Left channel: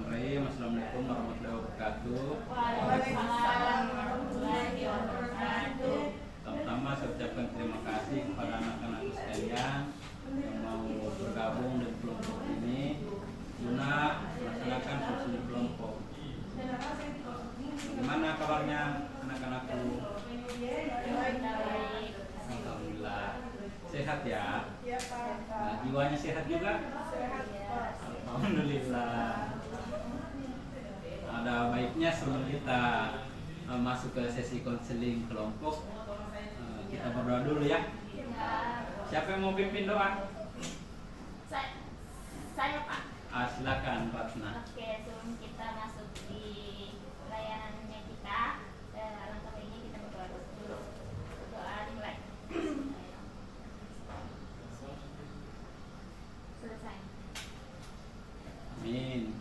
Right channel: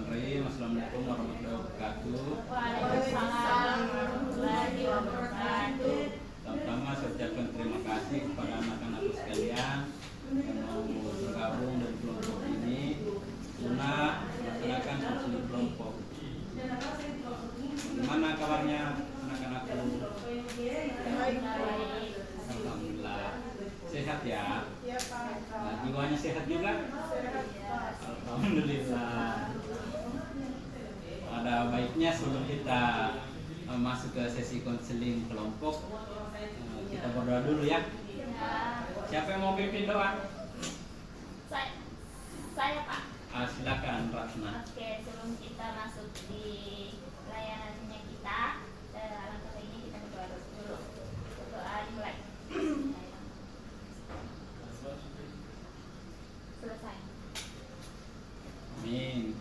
Bismillahirrahmanirrahim. Assalamualaikum warahmatullahi wabarakatuh. Waalaikumsalam warahmatullahi wabarakatuh. Pertama saya ucapkan terima kasih kepada anak-anakku sekalian yang mau bergabung dan kelompok ini guna melaksanakan fungsi kelompok. Gimana kabarnya anak-anakku? Alhamdulillah. Sehat ya? Ya, Pak. Nah, jiwanya sehat juga? Sehat, Pak. Alhamdulillah. Ada baiknya sebelum kita masuk ke sesi konseling kelompok, kita berdoa dulu ya. Siapa yang mau pimpin doa? Saya Pak. Silakan Ratna. Oke, sebelum kita masuk di layanannya kita, alangkah baiknya kita berdoa dulu. Berdoa dimulai. Selesai. Amin.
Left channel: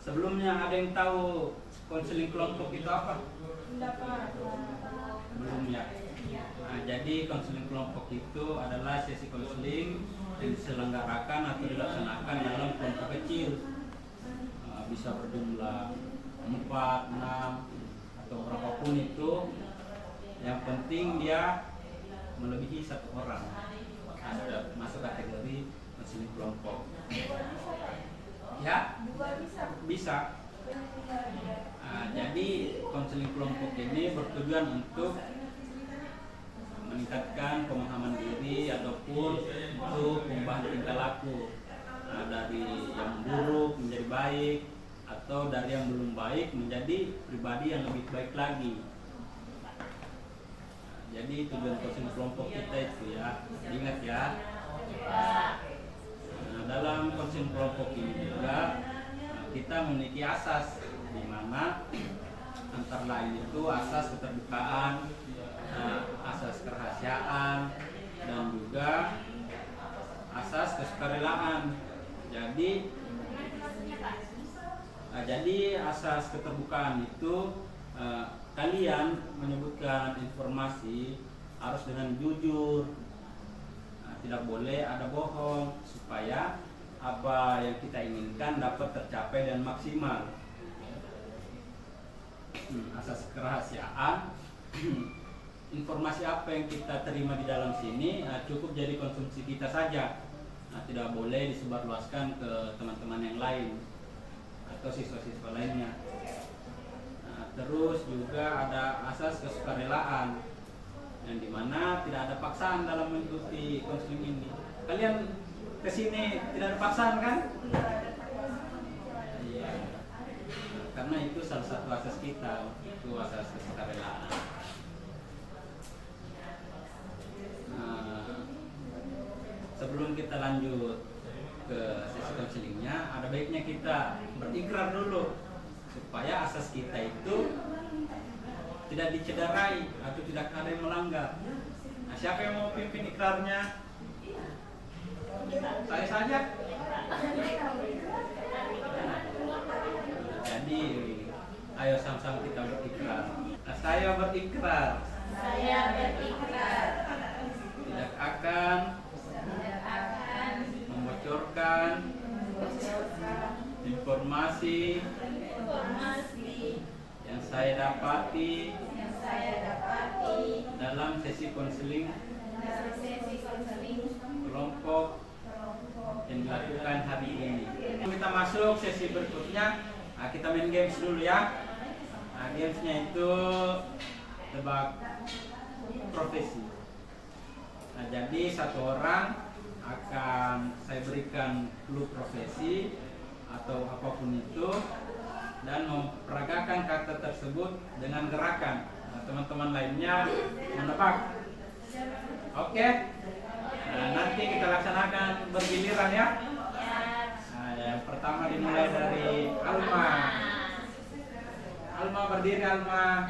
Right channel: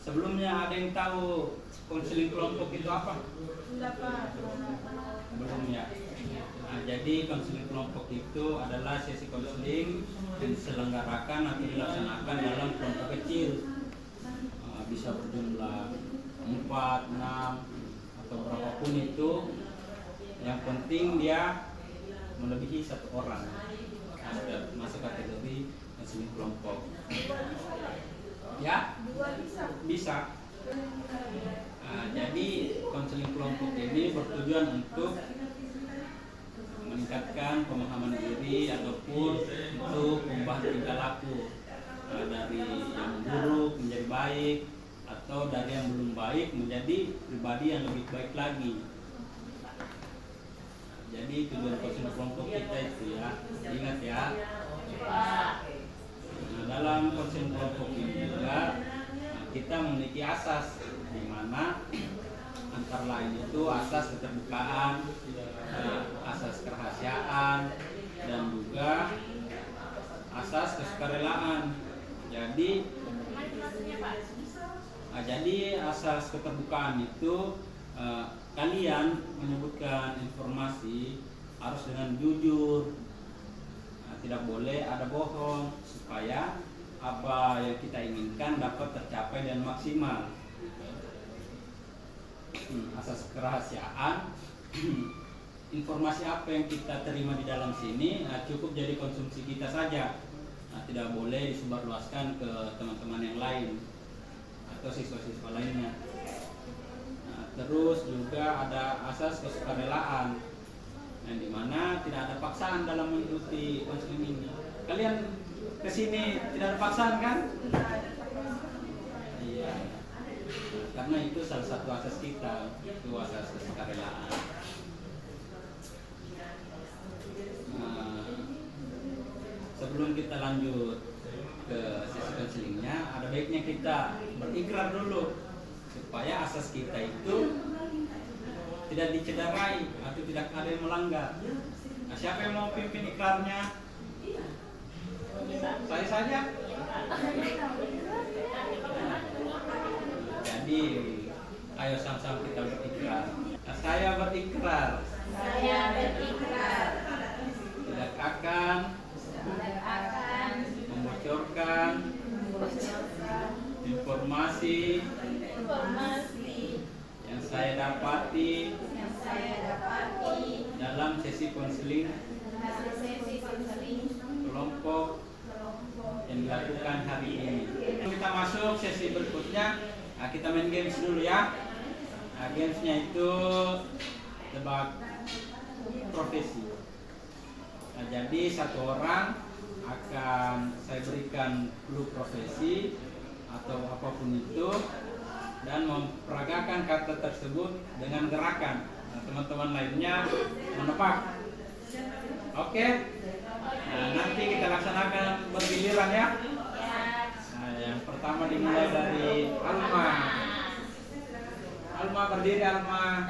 Sebelumnya ada yang tahu konseling kelompok itu apa? Enggak, Pak. Belum ya. Jadi konseling kelompok itu adalah sesi konseling yang diselenggarakan atau dilaksanakan dalam kelompok kecil. Bisa berjumlah 4, 6 atau berapapun itu. Yang penting dia melebihi 1 orang. Sudah masuk kategori konseling kelompok. Ya? Bisa. Jadi konseling kelompok ini bertujuan untuk meningkatkan pemahaman diri ataupun untuk mengubah tingkah laku dari yang buruk menjadi baik atau dari yang belum baik menjadi pribadi yang lebih baik lagi. Jadi tujuan konseling kelompok kita itu ya, ingat ya. Dalam konseling kelompok ini juga kita memiliki asas di mana antara lain itu asas keterbukaan, asas kerahasiaan, dan juga asas kesukarelaan. Jadi asas keterbukaan itu kalian menyebutkan informasi harus dengan jujur, tidak boleh ada bohong supaya apa yang kita inginkan dapat tercapai dan maksimal. Asas kerahasiaan, informasi apa yang kita terima di dalam sini cukup jadi konsumsi kita saja, tidak boleh disebarluaskan ke teman-teman yang lain atau siswa-siswa lainnya. Terus juga ada asas kesukarelaan, yang dimana tidak ada paksaan dalam mengikuti konseling ini. Kalian kesini tidak ada paksaan kan? Iya. Karena itu salah satu asas kita, itu asas kesukarelaan. Sebelum kita lanjut ke sesi konselingnya, ada baiknya kita berikrar dulu supaya asas kita itu tidak dicederai atau tidak ada yang melanggar. Siapa yang mau pimpin ikrarnya? Saya saja. Jadi, ayo sama-sama kita berikrar. Saya berikrar. Saya berikrar. Tidak akan membocorkan informasi yang saya dapati dalam sesi konseling kelompok yang dilakukan hari ini. Kita masuk sesi berikutnya. Kita main games dulu ya. Gamesnya itu tebak profesi. Jadi satu orang akan saya berikan clue profesi atau apapun itu dan memperagakan kata tersebut dengan gerakan. Teman-teman lainnya menebak. Oke? Nanti kita laksanakan bergiliran ya. Yang pertama dimulai dari Alma. Alma berdiri, Alma.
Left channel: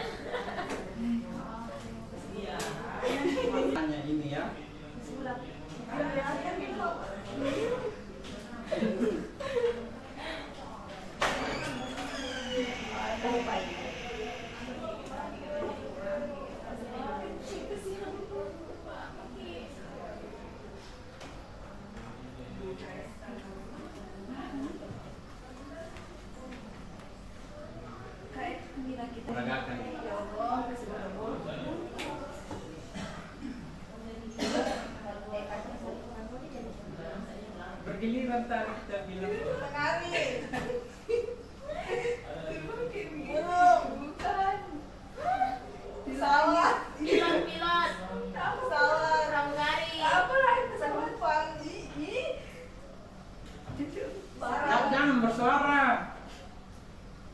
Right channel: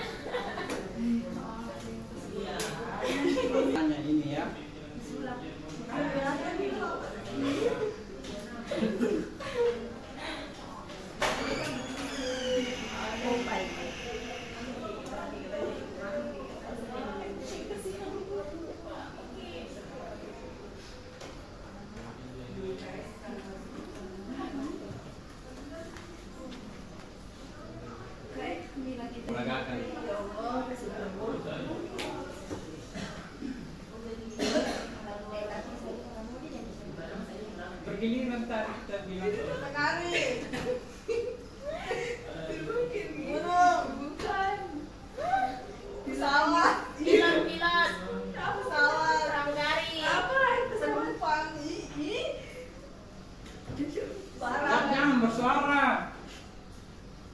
Tanya ini ya. kita bilang. Sekali. Burung. Bukan. Pesawat. Pilot, pilot. Pesawat. Pramugari. Apa lagi pesawat? Penumpang. Ih. Barang. Jangan bersuara.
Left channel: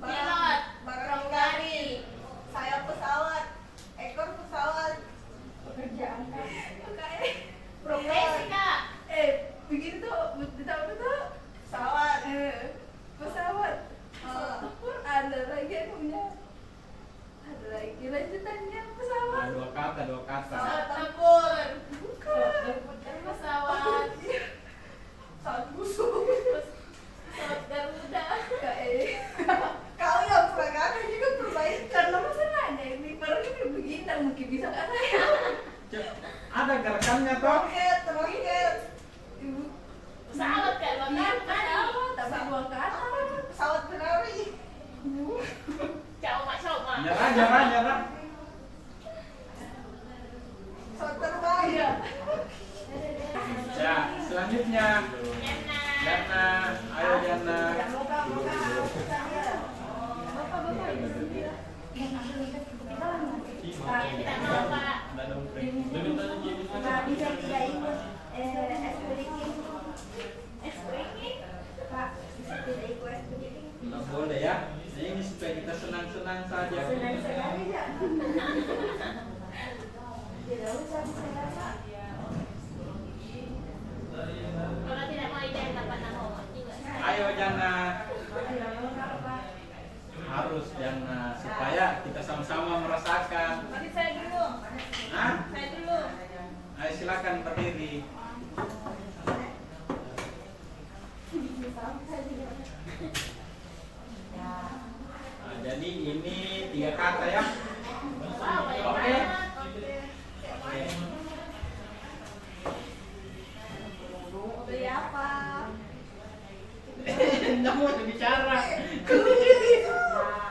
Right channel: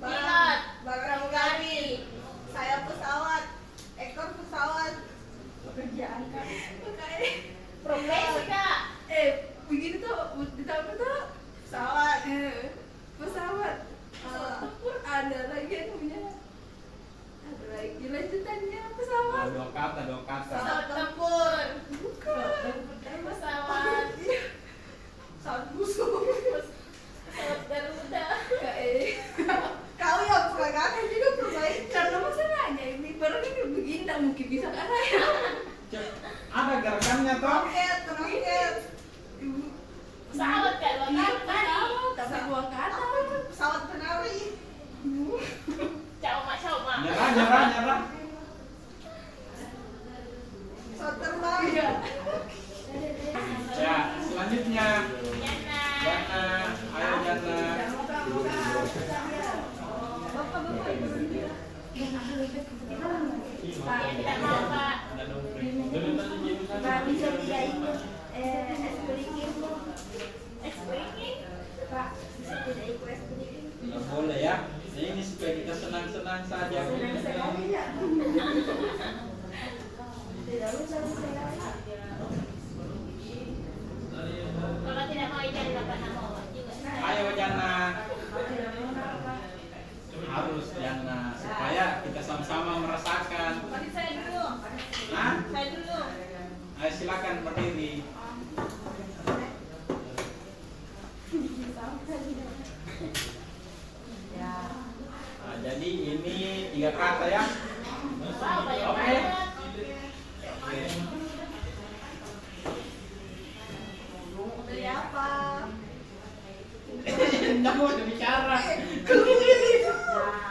Pilot. Barang Pramugari. sayap pesawat. Ekor pesawat. Pekerjaan kan. Profesi kak. Begini tuh ditahu tuh Pesawat. pesawat. Pesawat tempur ada lagi yang punya. Ada lagi lanjutannya pesawat. Dua kata. Pesawat tempur. Bukan. Pesawat. Pesawat busuk. Pesawat Garuda. Kau yang peragakan juga perbaikan. Karena masalahnya ini baru ini begini nggak mungkin bisa kan saya. Ada gerakannya toh. Roket. Ibu. Pesawat kak, dua Iya, kata tadi. pesawat, tapi dua kata. Pesawat penari. Coba. Nyerah. Pesawat terbang. Iya. Ya, selanjutnya Jana. Jana, ayo Jana. Bapak ibu dia. Ya, tidak mau pak. Ada dompleng. Nggak bisa tidak ikut es breaking Es breaking. Pak, bisa tidak ikut es breaking Nggak boleh ya. Nah, ini supaya kita senang-senang saja. senang-senang aja tidak usah saya Pak. Kalau tidak mau jadi dapat nama juga. Ayo Jana. Tidak mau apa Pak. Harus Jana supaya kita sama-sama merasakan. Mari saya dulu. Nah, Saya dulu. ayo silakan berdiri. Nah, jadi ini 3 kata ya. Wow, banyak Oke. banget. Oke. Dari apa? Nggak mau bicara.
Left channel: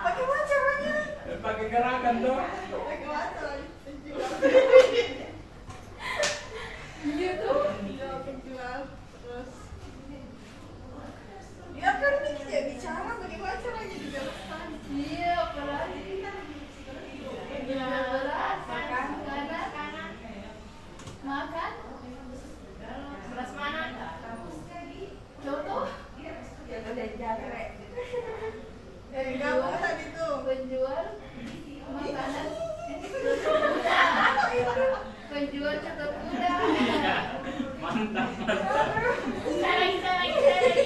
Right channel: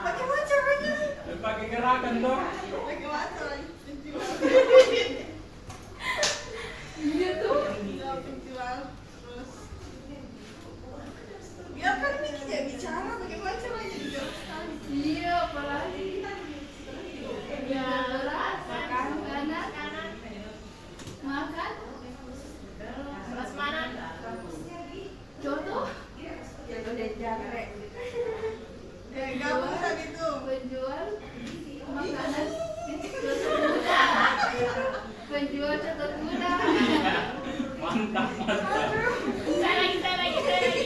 Bagaimana caranya? Pakai gerakan dong. Bagaimana caranya? Iya tuh. Penjual, penjual. Terus. Ya kan ini tidak bicara. Bagaimana caranya dijelaskan? Iya, apalagi. Ya, Berat, makan. kanan, makan. Terus mana? Contoh. Ya udah jangkrik Gabung tadi tuh. Penjual makanan. Penjual contoh kuda. Mantap. Saya lagi.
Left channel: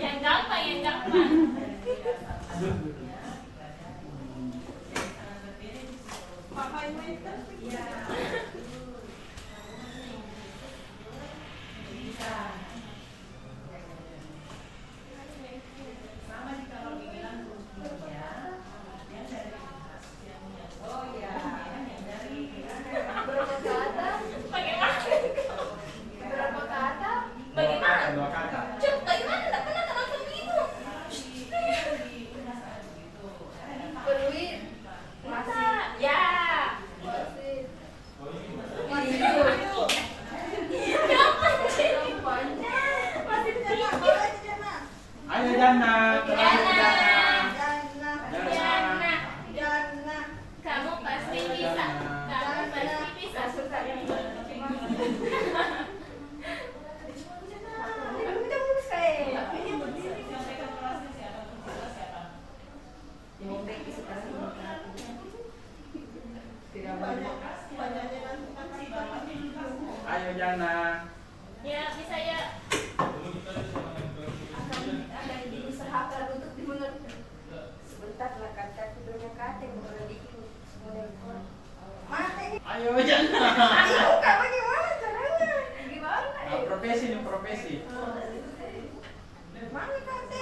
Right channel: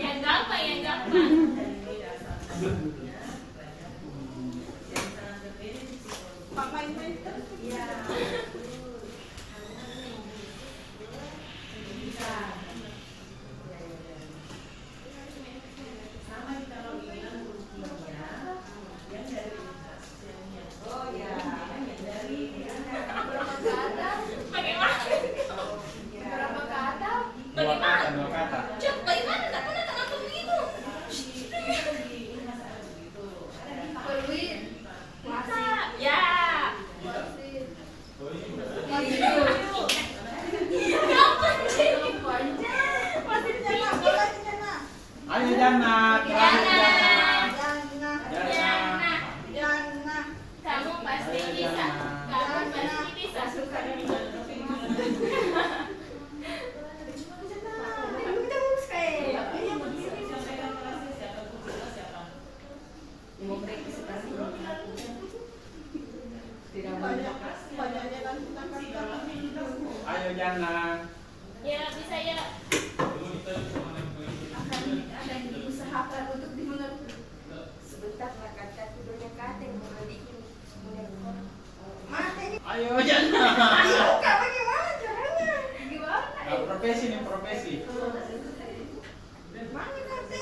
Yang gampang. Pak main-main terus. ya Berapa kata? Bagaimana? Berapa kata? Dua kata. Cuk, bagaimana? Tak pernah terlalu begitu. Peluit. Masa? Ya. Wasit. Gampang sih. Masih Jana, boleh Jana. Ayo Jana, terakhir Jana. Jana. Jana. Jana. Kamu pasti bisa. suka ini Banyaknya nanti Ayo Jana. Ya, bisa ya. akan diusahakan untuk dimengerti. Sebentar lah kata tidurnya kata Ayo Jana. bagaimana caranya? Gimana? Nah, profesi nih profesi.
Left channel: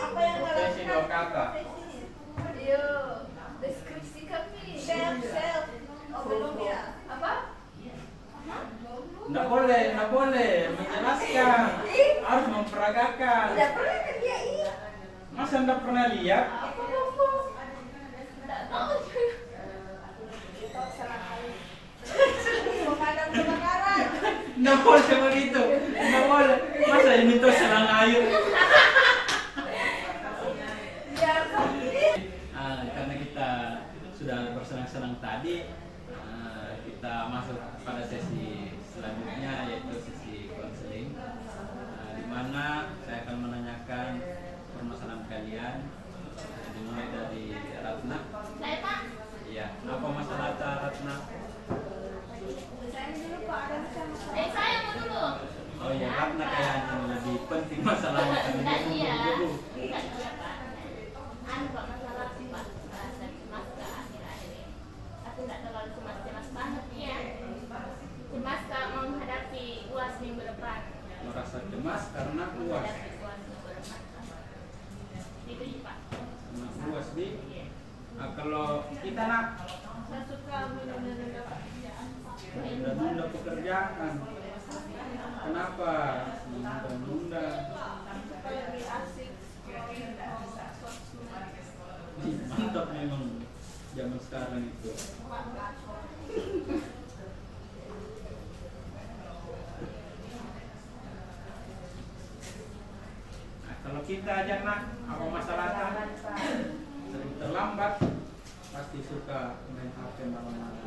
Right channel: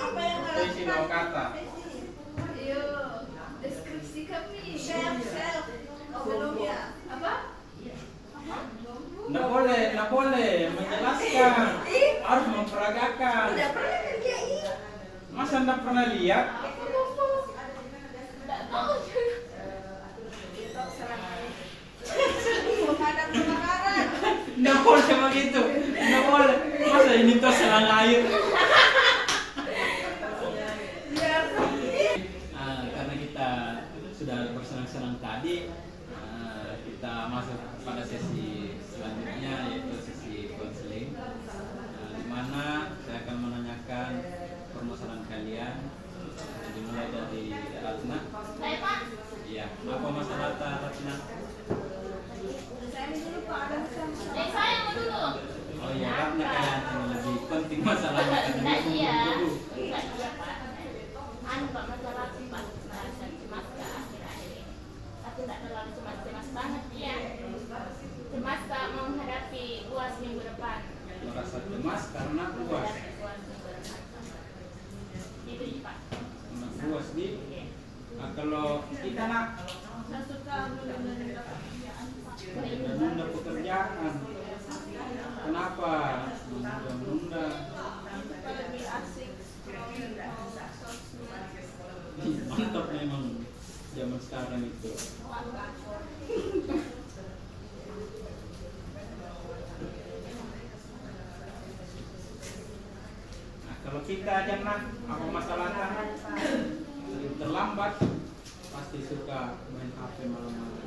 Apa yang Profesi dua kata. Ayo, deskripsi kami. Chef. Oh, belum ya? Apa? Nggak boleh menjelaskan. Harus memperagakan. Tidak pernah kerja ini. Masa nggak pernah lihat? Tidak tahu. Pemadam kebakaran. Nggak boleh begitu, nggak boleh. Masa ini tuh selang air. Karena kita sudah bersenang-senang tadi, kita masuk pada sesi selanjutnya, yaitu sesi konseling, di mana saya akan menanyakan permasalahan kalian, dimulai dari Ratna. Saya Pak. Iya, apa masalah Ratna? Saya dulu Pak, ada masalah. Saya mau dulu. Oh iya, Ratna kayaknya yang lebih penting masalah makan ini. Enggak iya. Enggak iya Pak. Pak masalah sih Pak. Merasa cemas ke akhir-akhir ini. Aku enggak terlalu cemas banget ya. Cemas Kak menghadapi UAS minggu depan. Merasa cemas karena UAS. Menghadapi UAS minggu depan Pak. Itu sih Pak. Karena UAS di. Kalau kita nak Saya suka menunda pekerjaan Pak. menunda pekerjaan. Kenapa menunda? Suka lebih asik scroll sosmed. Mantap memang zaman sekarang itu. Nah, kalau kita aja nak, apa masalahnya? Sering terlambat, pasti suka main HP malam-malam.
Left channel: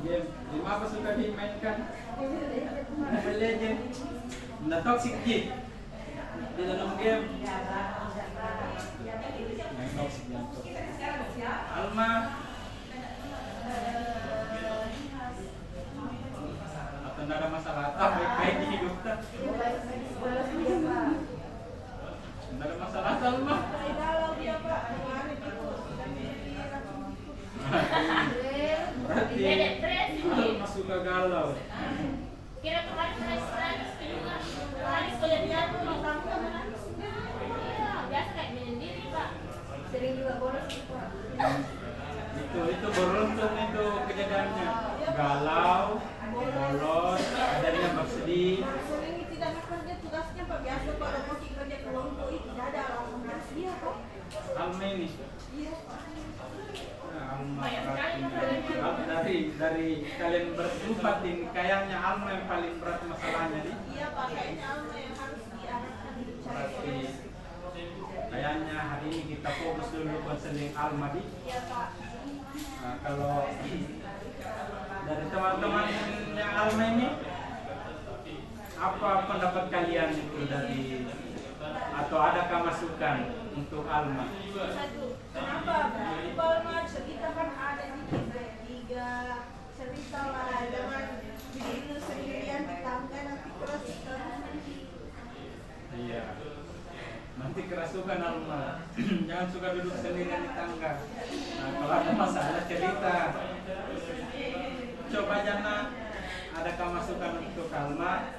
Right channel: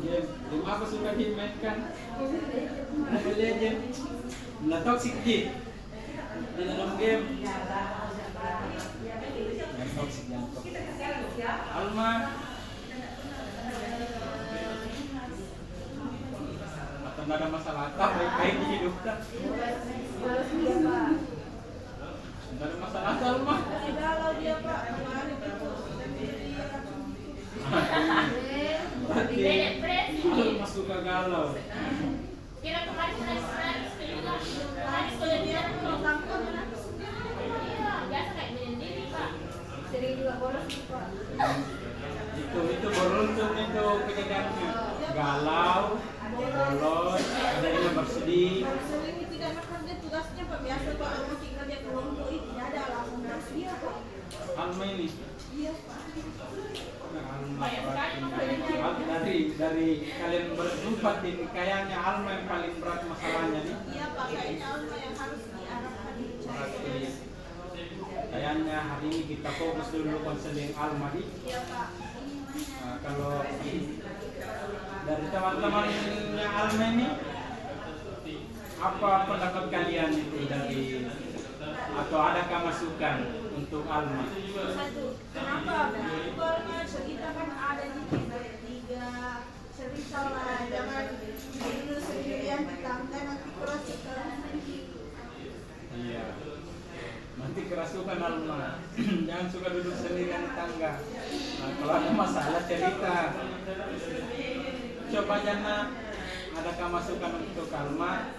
Game apa suka dimainkan? Mobile Legend. Nah, toxic di dalam game. Yang toxic, yang toxic. Alma. Atau tidak ada masalah apa baik-baik di hidup tak? Tidak ada masalah Alma. Galau dia Pak, kemarin itu Berarti Alma suka galau. Kira kemarin juga. Kemarin sudah dia tuh nonton. Iya, biasa kayak menyendiri Pak. Sering juga bolos sih Pak. Itu beruntun itu kejadiannya. Galau, bolos, ada yang bersedih. sering tidak kerja tugasnya Pak, biasa Pak kalau kerja kelompok itu tidak ada langsung gas dia Pak. Alma ini. Iya Pak. Alma dari kalian berempat ini kayaknya Alma yang paling berat masalahnya nih. Iya Pak, kayaknya Alma yang harus diarahkan dicari. Berarti kayaknya hari ini kita fokus dulu konseling Alma di. Iya Pak. Nah, kalau dari teman-teman yang Alma ini, apa pendapat kalian itu dari atau adakah masukan untuk Alma? Satu, kenapa? Alma kita kan ada di tiga cerita lah, jangan dulu sendirian di tangga nanti kerasukan. Iya. Nanti kerasukan Alma. Jangan suka duduk sendirian di tangga. Nah, kalau ada masalah cerita. Coba Jana, adakah masukan untuk Alma?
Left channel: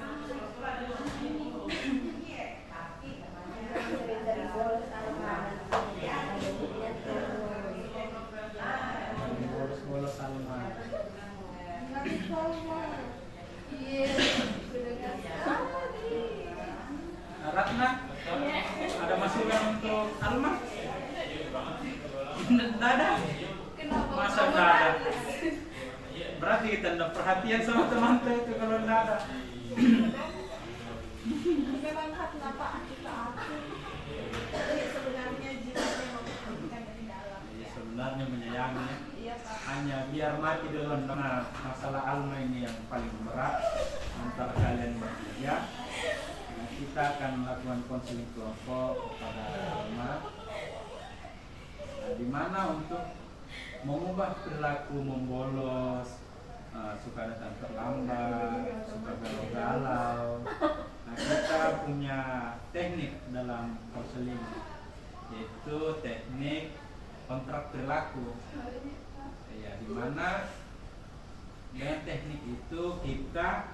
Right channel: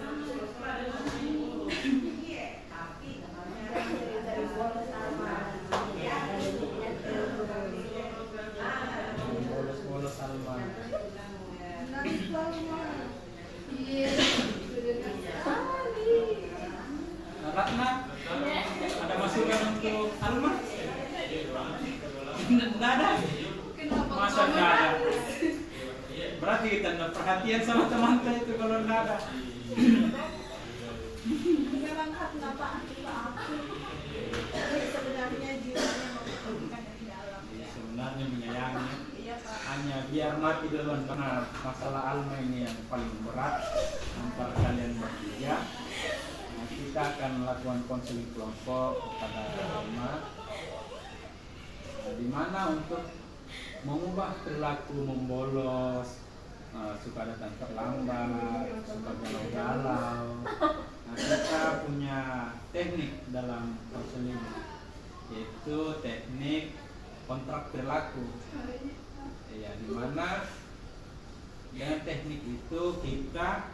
Dari bolos sama Bolos Alma. iya Ratna, ada masukan untuk Alma? Tidak ada. Masa tidak ada? Berarti kita tidak perhatian sama teman-teman itu kalau tidak ada. Memang kenapa kita aku sebenarnya jiwanya memperhatikan dari dalam. Sebenarnya menyayangi. Iya Pak. Hanya biar mati duluan karena masalah Alma ini yang paling berat antara kalian bertiga. Nah, kita akan melakukan konseling kelompok kepada Alma, di mana untuk mengubah perilaku membolos, suka datang terlambat, suka galau-galau. Nah, kita punya teknik dalam konseling, yaitu teknik kontrak perilaku. Ya, di mana dengan teknik itu kita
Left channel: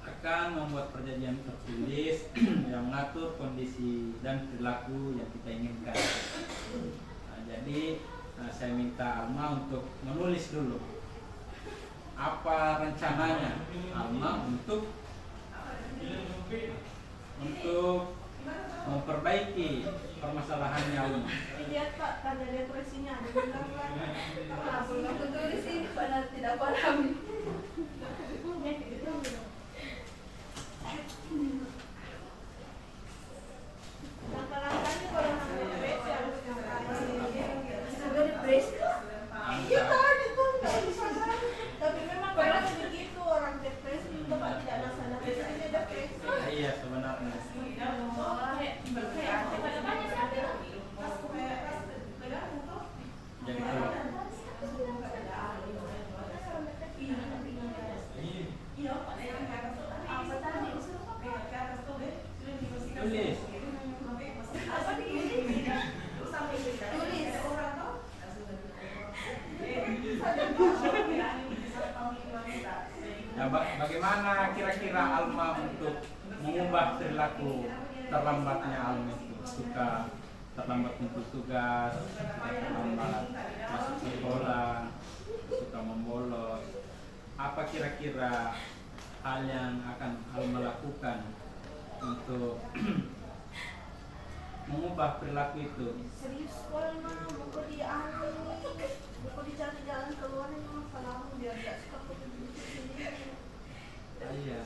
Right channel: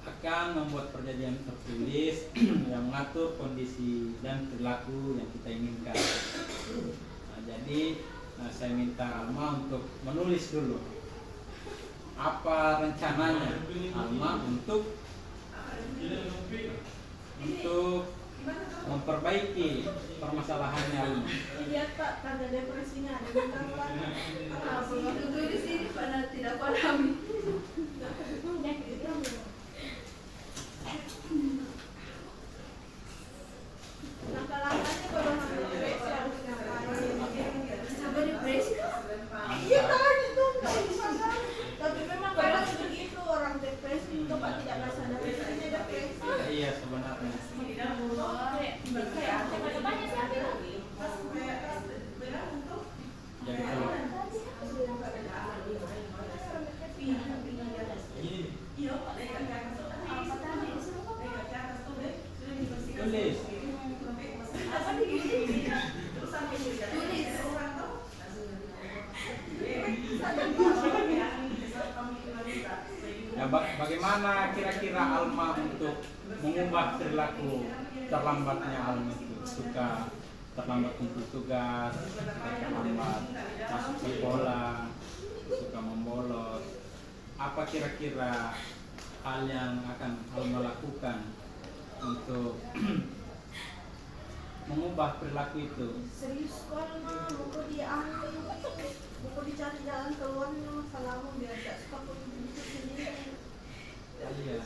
akan membuat perjanjian tertulis yang mengatur kondisi dan perilaku yang kita inginkan. Nah, jadi saya minta Alma untuk menulis dulu apa rencananya Alma untuk memperbaiki permasalahannya Alma. Lihat Pak, tanda depresinya ada di kamar. Apa nggak tulis sih karena tidak pahami. Langkah-langkahnya kalau nak depresi harus ngapain? Sampai depresi kan? Iya kan itu nggak bisa kan? Tapi memang kalau begitu orang depresi itu Pak tidak sadar dia depresi. Iya sebenarnya. Kayak banyak siapa itu? Jadi kalau tulis. Apa di Ya, bagaimana kira-kira Alma untuk mengubah perilaku terlambatnya Alma itu? Suka terlambat untuk tugas, suka terlambat masuk sekolah, suka membolos. Apa kira-kira hal yang akan Alma lakukan untuk mengubah perilaku itu? Serius sekali mah, buku diambil, buku dicari jalan keluarnya masalahmu biar gak suka berpikir sendiri. Iya.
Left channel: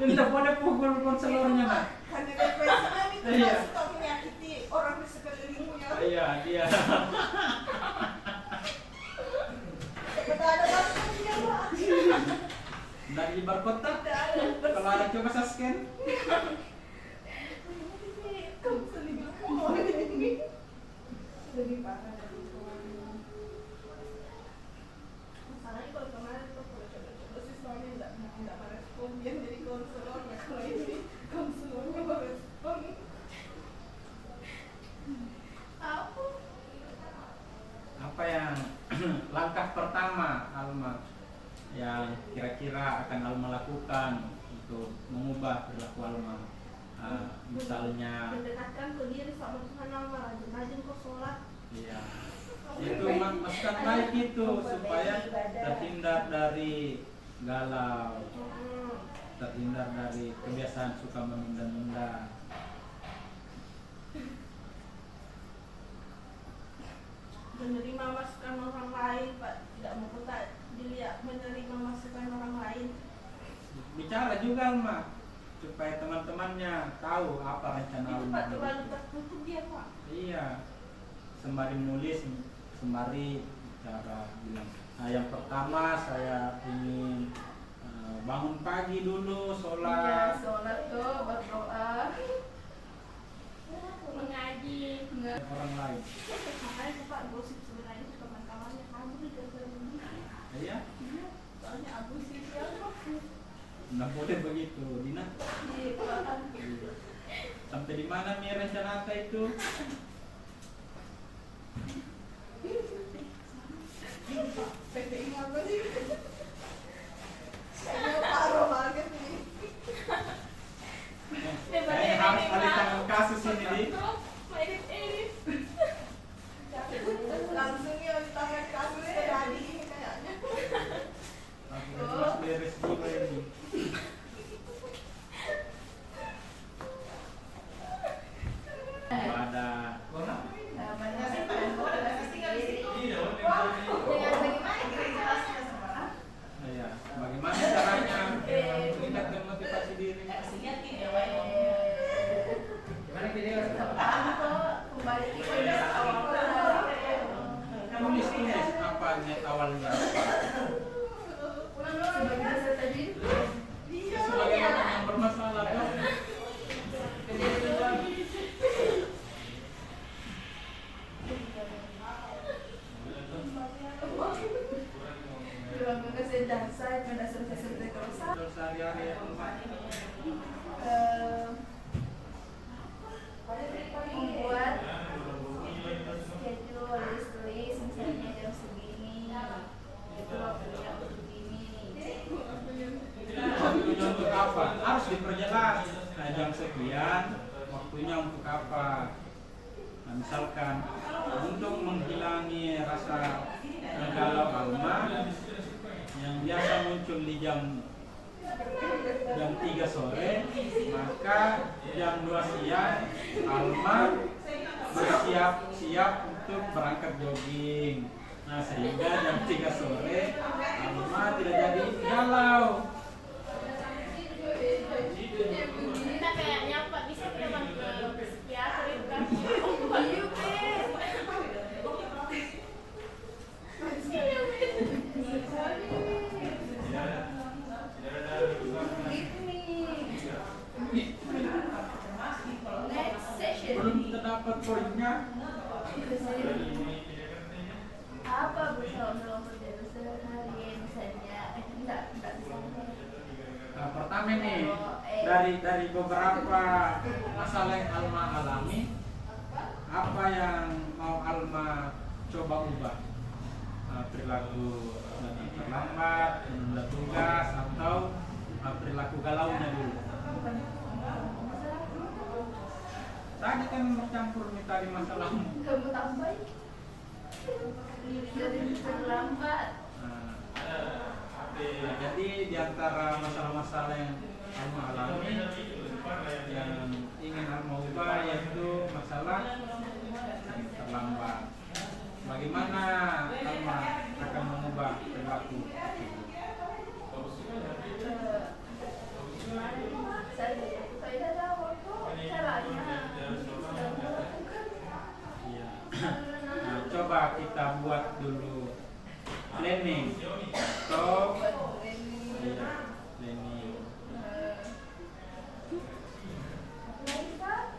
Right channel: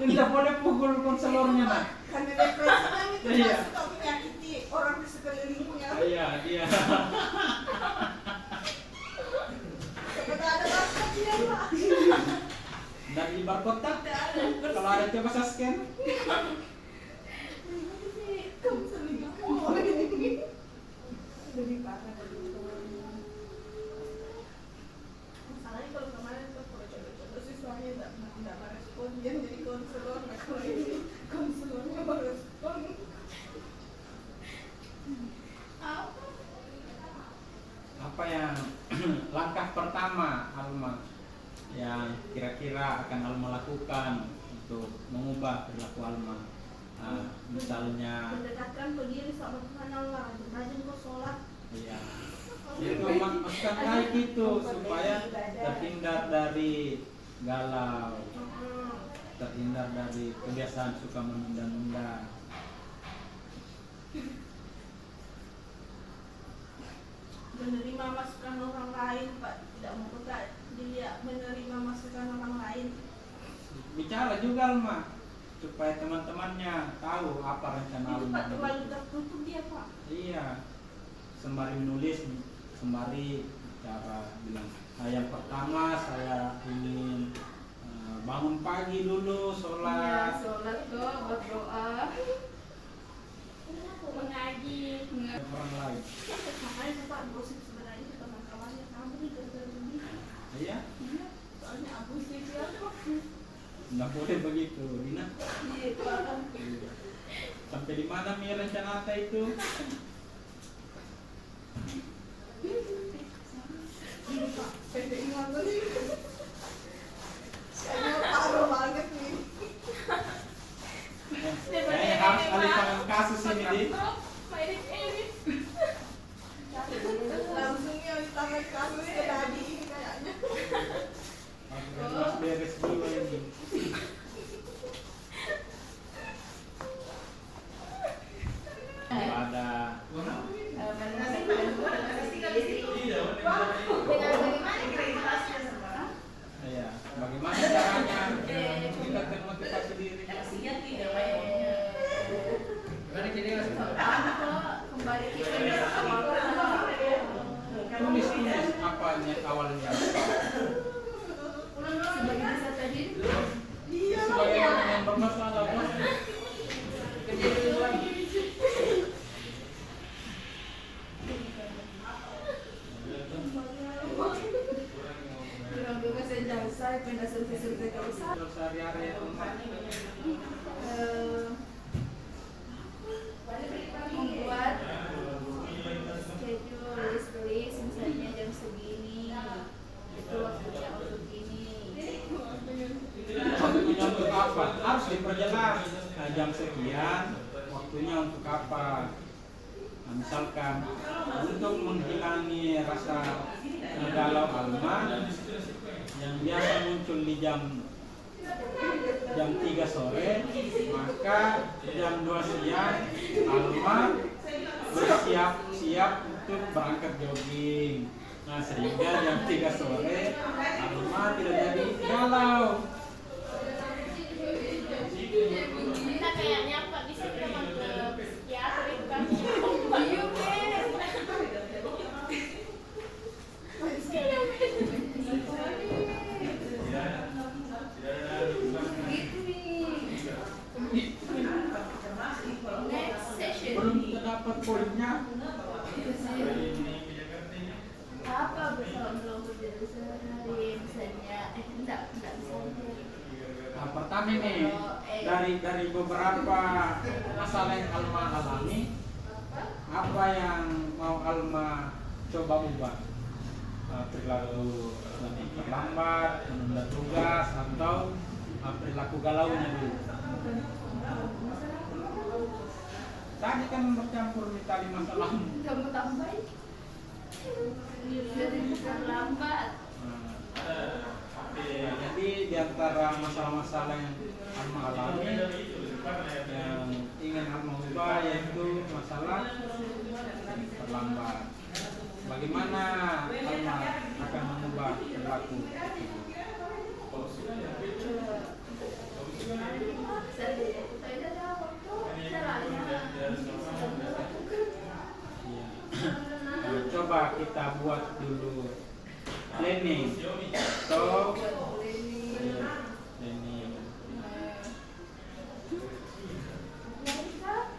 Tidak boleh pukul konselornya nak. Karena depresinya itu Iya. gak suka menyakiti orang di sekelilingnya. Iya, dia. Seperti ada apa dia Pak? Dari barcode kalau ada coba saya scan. Kamu selingkuh. Lebih parah dari itu. Masalahnya kalau kemarin tuh kalau coba-coba sih suaminya nggak merespon, dia jadi konselor, nah kalau ini konselornya merespon. Apa yang langkah pertama Alma yang kira-kira akan Alma lakukan untuk mengubah perilaku Alma? Misalnya, Mendekatkan ke diri sama Tuhan Allah, rajin kau sholat. iya, itu maksud baik itu supaya terhindar dari galau, terhindar dari kebiasaan suka menunda-nunda. Menerima masukan orang lain, Pak, tidak mau tak dilihat menerima masukan orang lain. Bicara juga Alma supaya teman-temannya tahu apa rencana Itu Alma. Pak terlalu tertutup dia Pak. Iya, sembari menulis, sembari cara bilang. Nah, yang pertama saya ingin bangun pagi dulu, Iya, sholat. sholat kok, berdoa. mengaji? Orang lain. Makanya Pak gosip sebenarnya itu kawan-kawannya kamu nih gara-gara ini. Iya, Iya, soalnya aku sih dia Pak. nggak boleh begitu, Dina. Iya Pak. Sampai di mana Mi rencana Ata itu? PPI mana sih? Saya parah banget nih. Kayaknya harus alihkan kasus ini di. Langsung ya ditangani kasus ke tadi ini kayaknya. Harus beres dulu ini. Pada Menyelesaikan diri. Dengan bagaimana kira-kira? ya, bagaimana caranya meningkatkan motivasi diri? Kembali ke awal. Tulis apa awalnya? Sebagai peserta diri. Sebagai orang yang bermasalah. Berangkat sejasa, pada selesai kerusakan. Terus hari-hari ya tempat. Membuat schedule list misalnya jam segini itu waktunya untuk ini. Waktunya untuk apa? Harus diperjelas. Nah, jam sekian, waktunya untuk apa? Nah, misalkan untuk menghilangi rasa galau Alma yang biasa muncul di jam jam 3 sore, maka jam 2 siang Alma bersiap-siap untuk berangkat jogging. Nah, sehingga jam 3 sore Alma tidak jadi galau. Kita kayaknya Pak bisa kita ke psikiater itu kan. Next session. Belum terdapat poinnya. Apa bersama berdiri sehari misalnya? Enggak bisa. Nah, pertama nih, dari beberapa masalah yang Alma alami, apa yang mau Alma coba ubah? Perilaku terlambat, menunda tugas, atau perilaku galaunya dulu? Tadi kan bercampur tadi masalah. Kamu tambahin. Jadi bukan lambat. Nah, jadi di antara masalah-masalah yang Alma alami, yang ingin Alma ubah yaitu masalah terlambat. Bagaimana Alma akan mengubah perilaku? Nah, coba kita buat dulu planning. So, planning.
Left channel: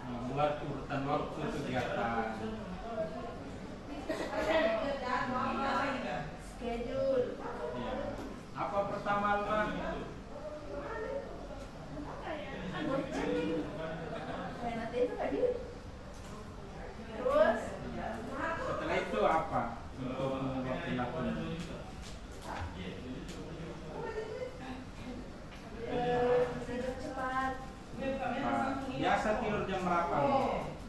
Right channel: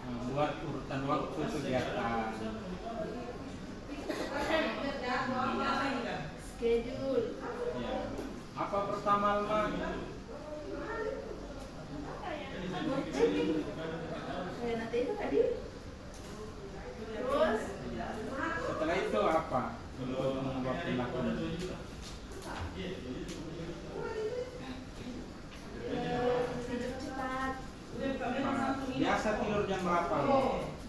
Nah, buat urutan waktu kegiatan. Schedule. Ya. Apa pertama Alma? Kayak nanti itu tadi. Terus Setelah itu apa untuk mengubah perilaku? tidur cepat. Biasa tidur jam berapa?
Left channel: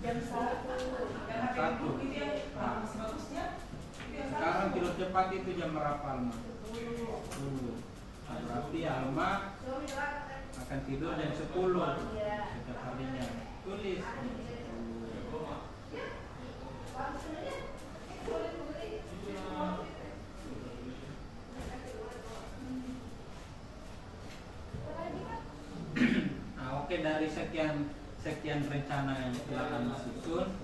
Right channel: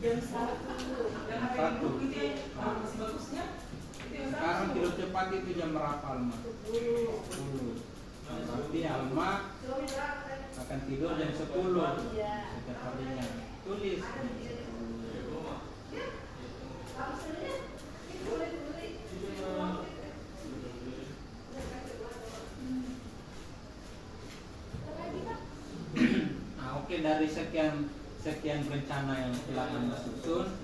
Jam 1. Jam 1. Nah, sekarang tidur cepat itu jam berapa Alma? 10. Nah, berarti Alma akan tidur jam 10 setiap harinya. Tulis jam 10. Nah, oke, dari sekian rencana yang telah Anda susun,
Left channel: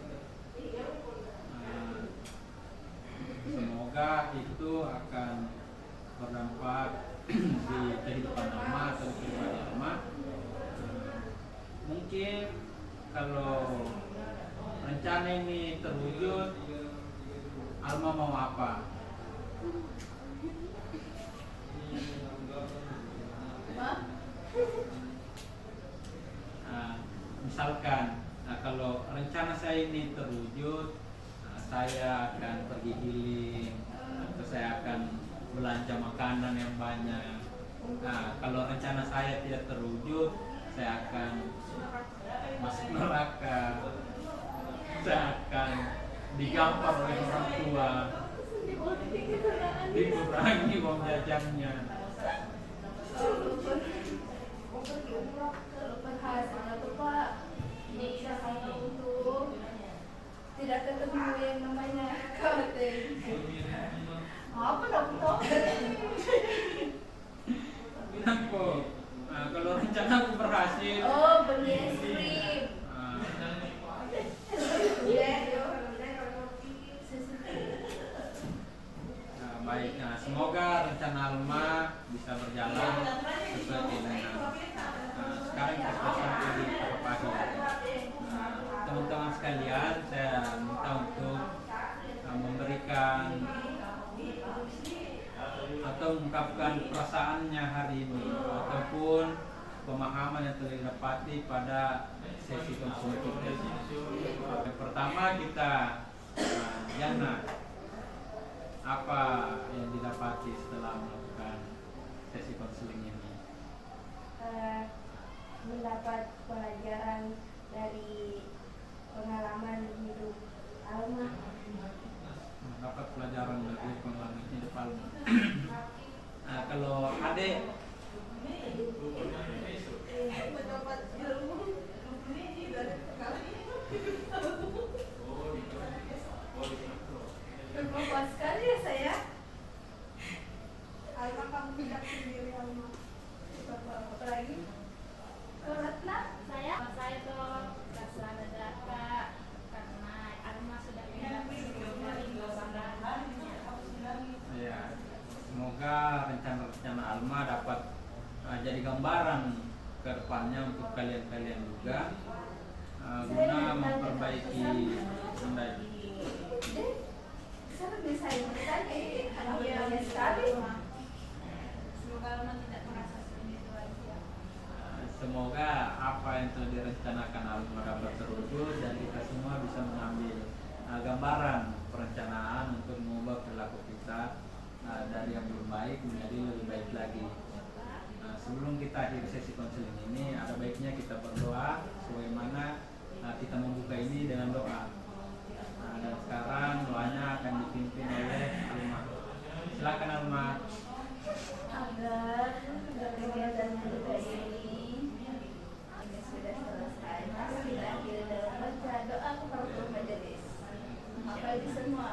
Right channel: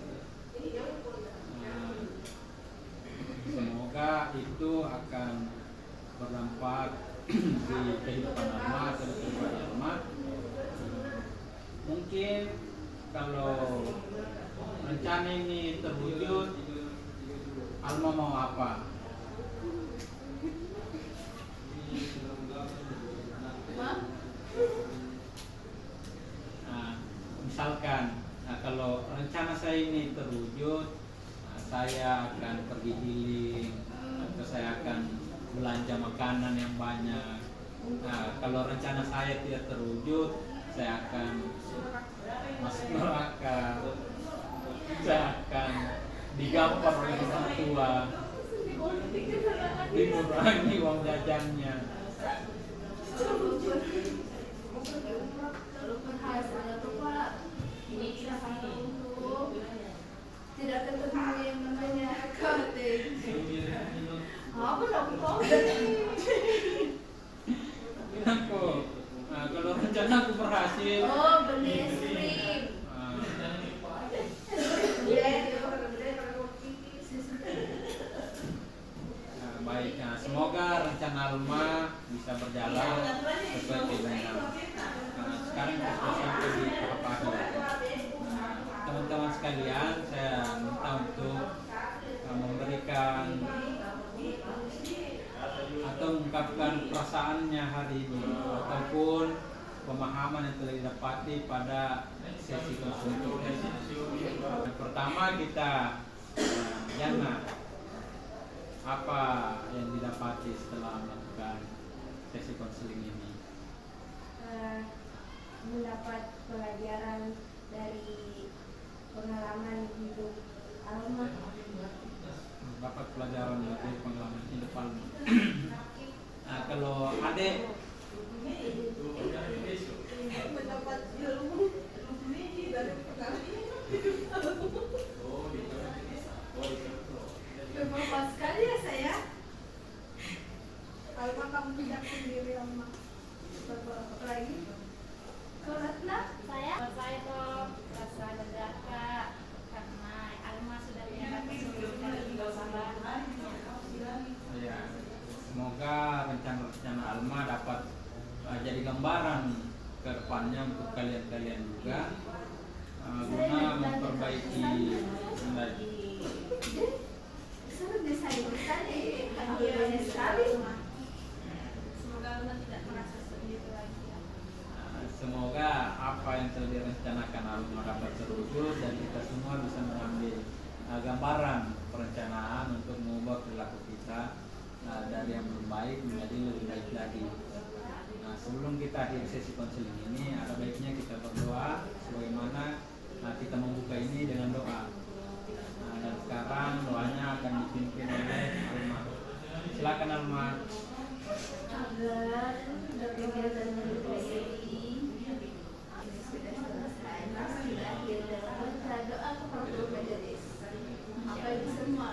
semoga itu akan berdampak di kehidupan Alma atau pribadi Alma. Mungkin kalau rencana ini terwujud, Alma mau apa? Nah, misalkan, kalau rencana saya ini terwujud, saya akan pergi healing, atau saya akan belanja makanan yang banyak. Nah, kalau rencana saya tidak terwujud, saya akan masuk neraka, saya akan digampar oleh orang tua, dikurangi uang jajannya. Tidak ketemu yang namanya accounting. Apa dong? Kenapa? Nah, kalau rencana aku berhasil, Oh, beli es krim. baik. Nah, semoga rencana Alma bisa berjalan sesuai keinginan. Nah, sekarang kita sudah sampai di tahap akhir. Nah, teman-teman sekalian, saya minta untuk memberikan atau mengungkapkan perasaannya hari ini ataupun pemahaman yang telah didapati pada sesi konseling ini. Yang pertama kita Yana, apa yang didapati setelah melakukan sesi konseling ini? Mendapat pelajaran dari pengalaman hidup Alma. Mendapat pelajaran dari pengalaman hidup Alma. Nah, kalau adik Alma kamu tidak sendiri Alma. Apa lagi? Kalau Ratna? Saya tuh rasa lega karena Alma sudah menghadapi sebelumnya di Gambaran. Ya, semoga rencana-rencana Alma dapat jadi gambaran ke depannya untuk kalian-kalian juga guna memperbaiki Mendagri. Saya desain tadi banyak sekali. Semoga Alma tidak merasa sendiri lagi. Semoga apa yang telah direncanakan Alma dapat terwujud dan kita semua bisa mengambil gambaran perencanaan untuk mengubah perilaku kita dari yang belum baik menjadi lebih baik lagi. Nah, sebelum kita akhiri sesi konseling ini, ada baiknya kita berdoa sebagaimana kita membuka ini dengan doa. Dan sekarang doanya akan dipimpin oleh Alma. Silakan Alma. Agar kegiatan menjaga ini sudah selesai, sudah akhir, doa kepada Tuhan jadi apa itu semua.